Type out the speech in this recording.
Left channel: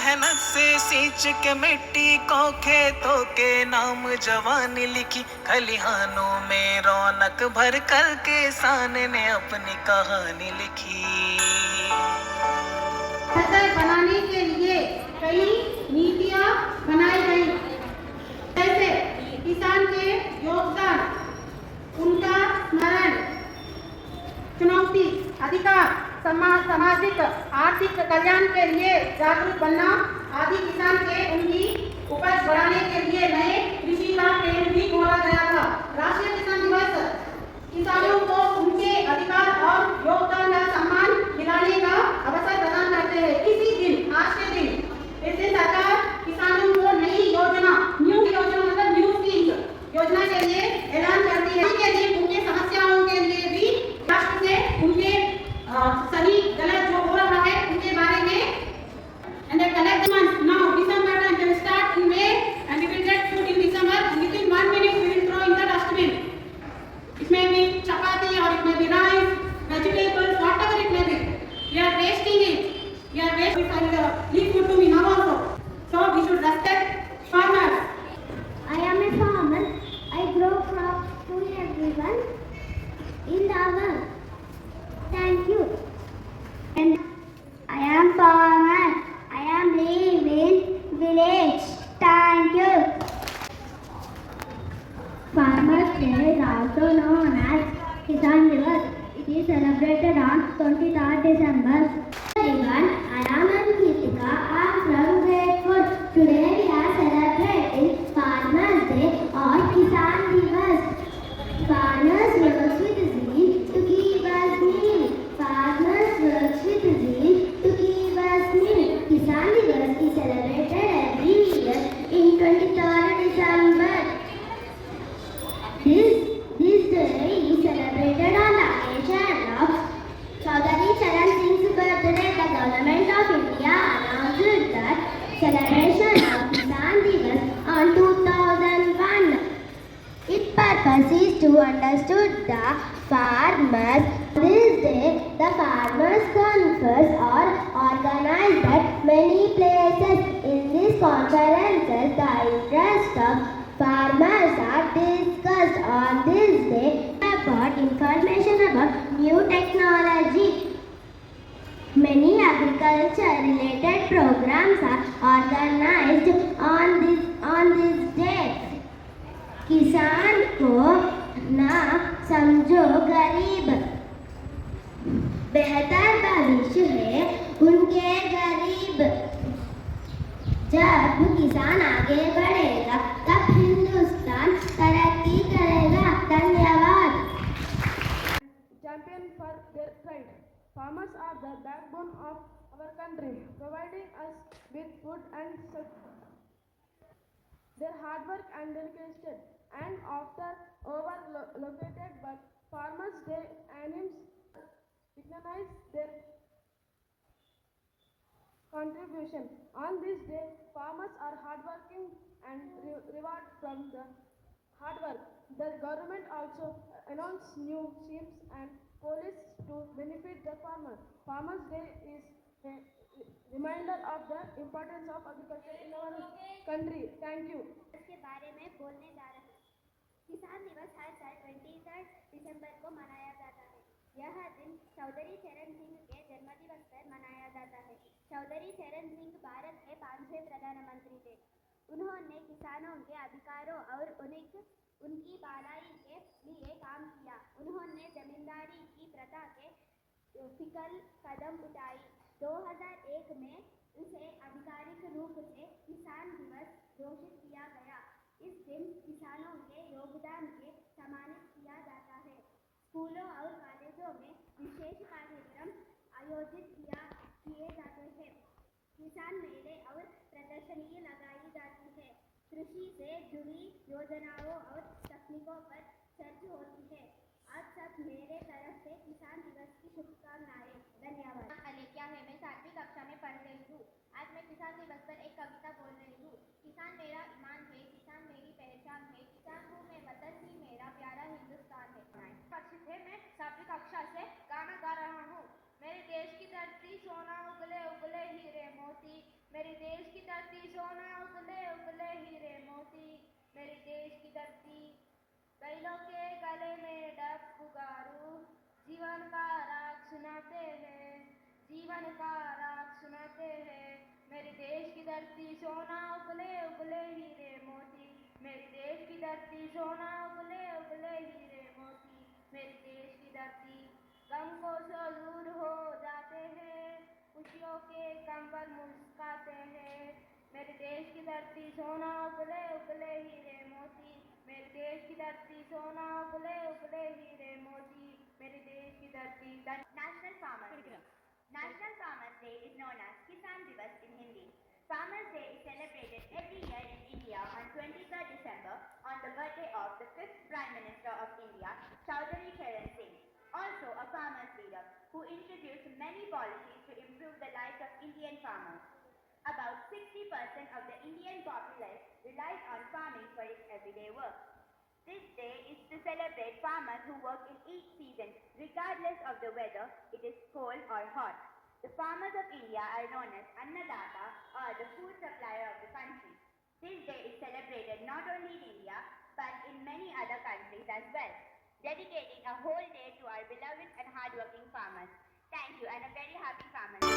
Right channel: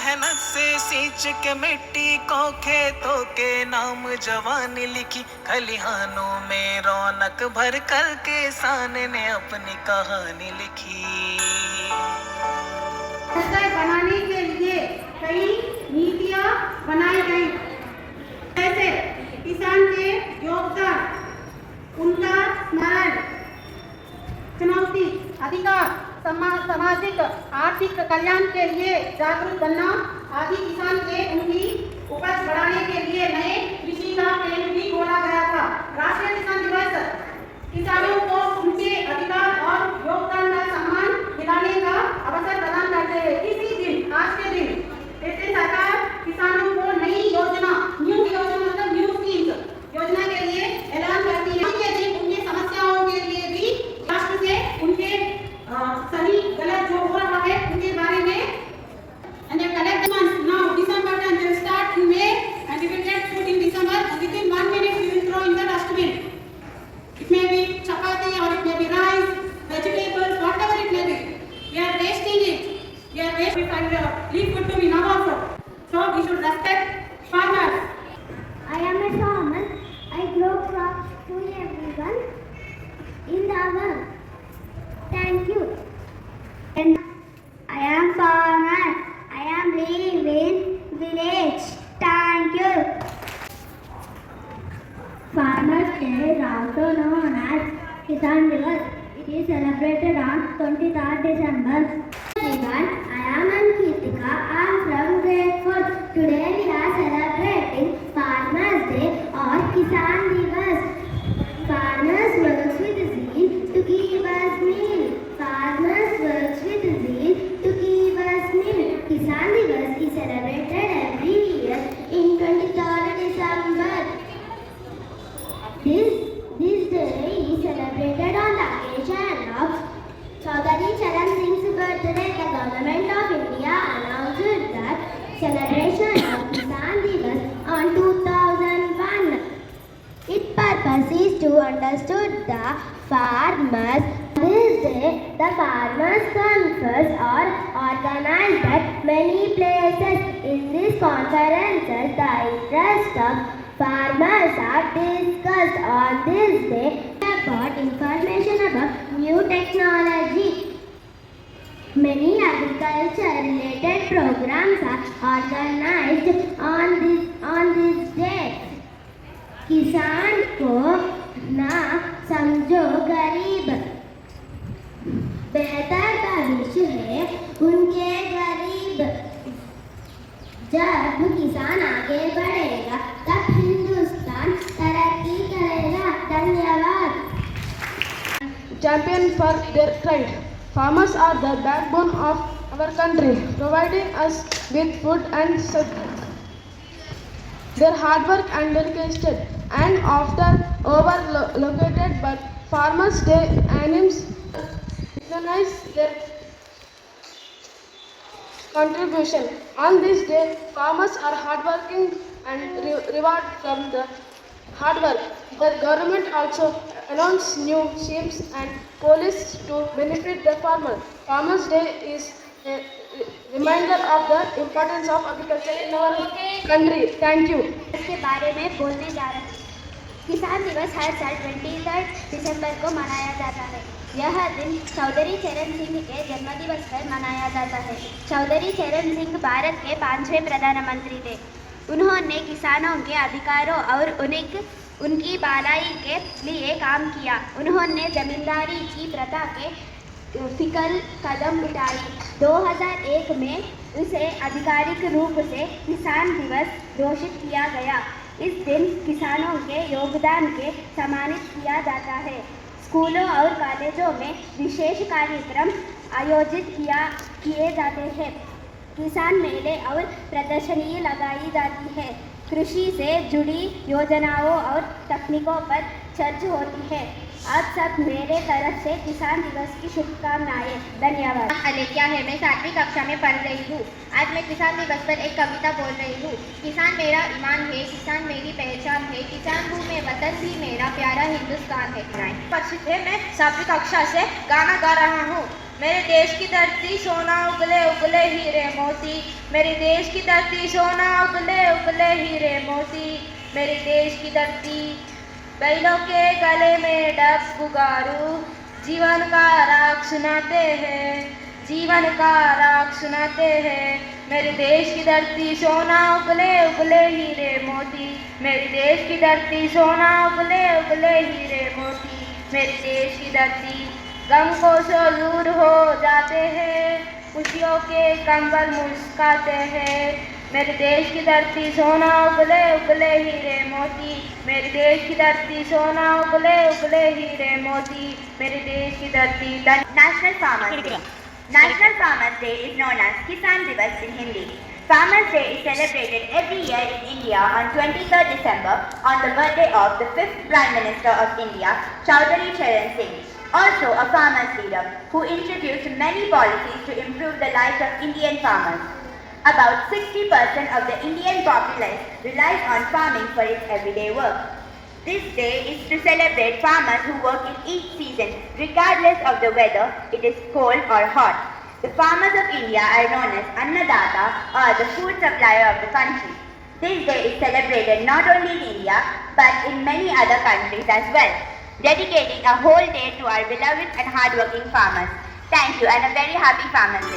मेहनत से सींच के मिट्टी को खेतों के नाम जवानी लिखी, खलिहानों में रौनक भर कर किसान ने अपनी कहानी लिखी। फसल बनाने के लिए कई नीतियां बनाई गई, जैसे किसान के योगदान, उनका स्मरण, चुनौती, अधिकार, सामाजिक आर्थिक कल्याण के लिए जागरूक बनना आदि। किसान के उनकी उपज बढ़ाने के लिए नए कृषि का केंद्र भी खोला गया था। राष्ट्रीय किसान दिवस किसानों को उनके अधिकार और योगदान का सम्मान दिलाने का अवसर प्रदान करते हैं। इसी दिन, आज के दिन इससे सरकार किसानों को नई योजना, न्यू योजना मतलब न्यू स्कीम योजना के लिए ऐलान करती है। के दिन उनकी समस्याओं के लिए भी राष्ट्र से उनके सही गलत जो हो रहा है उनके बारे में and the collect months now December and they will start in May and we will get food in December and within 1 minute we will throw in the dustbin. It may be chapati or it may be rice, vegetables, whatever it may be. We are wasting it. We are wasting it. Leave food to me now also. So we should respect farmers. I am a farmer. I grow crops to everyone in the world. Thank you. And I am farmer. I am living village. Thank you. Farmers Day is also known as Kisan Divas. It is celebrated on 23rd December. Everyone, I am Ankitika. I am from grade 4. Today we are celebrating Farmers Day or Kisan Divas. Farmers work with zeal to give us meal. Farmers work with zeal to give us meal. Kisan Divas is celebrated every year in 23rd December. This day is celebrated on the occasion of Chaudhary Charan Singh's birthday. The government of India announced that celebration of Kisan Divas on 2001. Its purpose is to understand the farmers. This day, the farmers' conference are organized at many places. In these conferences, the interests of farmers are discussed. On this day, about information about new technology. Many agriculture-related programs are organized on this day. किसान को ना समझो गरीब, बेहतर भविष्य है उनके गरीब। जब किसान आगे बढ़ेगा तब हिंदुस्तान तरक्की करेगा। धन्यवाद। Champion for their pride. Farmers are the backbone of our country, providing us with food and shelter. Their hard work and dedication and often overlooked, but Farmers Day aims recognize their contribution. On this day, farmers are hardworking and reward from the hard work. The government also announced new schemes and policies to benefit the farmer. Farmers Day is a reminder of the importance of agriculture in our country. Thank you. इसके बारे में बोलने जा रहे हैं। किसान दिवस हर साल 23 दिसंबर को मनाया जाता है। यह दिन चौधरी चरण सिंह के जन्मदिवस पर मनाया जाता है। चौधरी चरण सिंह भारत के 5वें प्रधानमंत्री थे। उन्होंने किसानों के अधिकारों और उनकी भलाई के लिए काम किया। उन्होंने जमींदारी की प्रथा के फिकल कदम उठाई। 2001 में उसे आधिकारिक रूप से किसान दिवस घोषित किया गया। इस दिन किसानों के योगदान के सम्मानित किया जाता है। स्कूलों और कॉलेजों में विशेष कार्यक्रम आयोजित किए जाते हैं। किसान मेले और प्रदर्शनी लगाई जाती है। कृषि से जुड़ी योजनाओं और तकनीकों पर चर्चा होती है। आप सब मेरे तरफ से किसान दिवस की शुभकामनाएं। धन्यवाद। अलेख्या है, मैं 7वीं कक्षा में पढ़ रही हूँ। आज मैं किसान दिवस पर एक कविता बोल रही हूँ। किसान मेरा ईमान है, किसान मेरी पहचान है, किसान हूँ मैं, वतन भी मेरा प्यारा हिंदुस्तान है। परिचित है, मैं 7वीं कक्षा से गाना गा रहा हूँ। मेरे देश की धरती सोना उगले उगले हीरे मोती, मेरे देश की धरती सोना उगले उगले हीरे मोती, मेरे देश की धरती बैलों के गले में डब गुगारू, जीवन का राग सुनाते हैं, जीवन का राग सुनाते हैं। मेरे देश की धरती सोना उगले उगले हीरे मोती, मेरे देश की धरती सोना उगले उगले हीरे मोती, मेरे देश की धरती गम को सो दूर हो जाते हैं, खुशियों के कंबल मुस्काते हैं। मेरे देश की धरती सोना उगले उगले हीरे मोती, मेरे देश की धरती सोना उगले उगले हीरे मोती, मेरे देश की धरती। National Farmers Day. National Farmers Day is known as Kisan Divas in Hindi. Farmers Day is celebrated every year in India on 23rd December on the birthday of the 5th Prime Minister of India, Chaudhary Charan Singh, also a farmers leader who introduced many policies to improve the lives of Indian farmers. About 60% of the Indian populace relies on farming for its everyday work. This day is to celebrate farmers who work in each season, regardless of the weather, it is cold or hot. The farmers of India are known as Annadata, or the food supplier of the country. This day is celebrated not only in India, but in many other countries as well, dedicating a whole day to our beloved and hardworking farmers. Thank you and a very happy Farmers Day.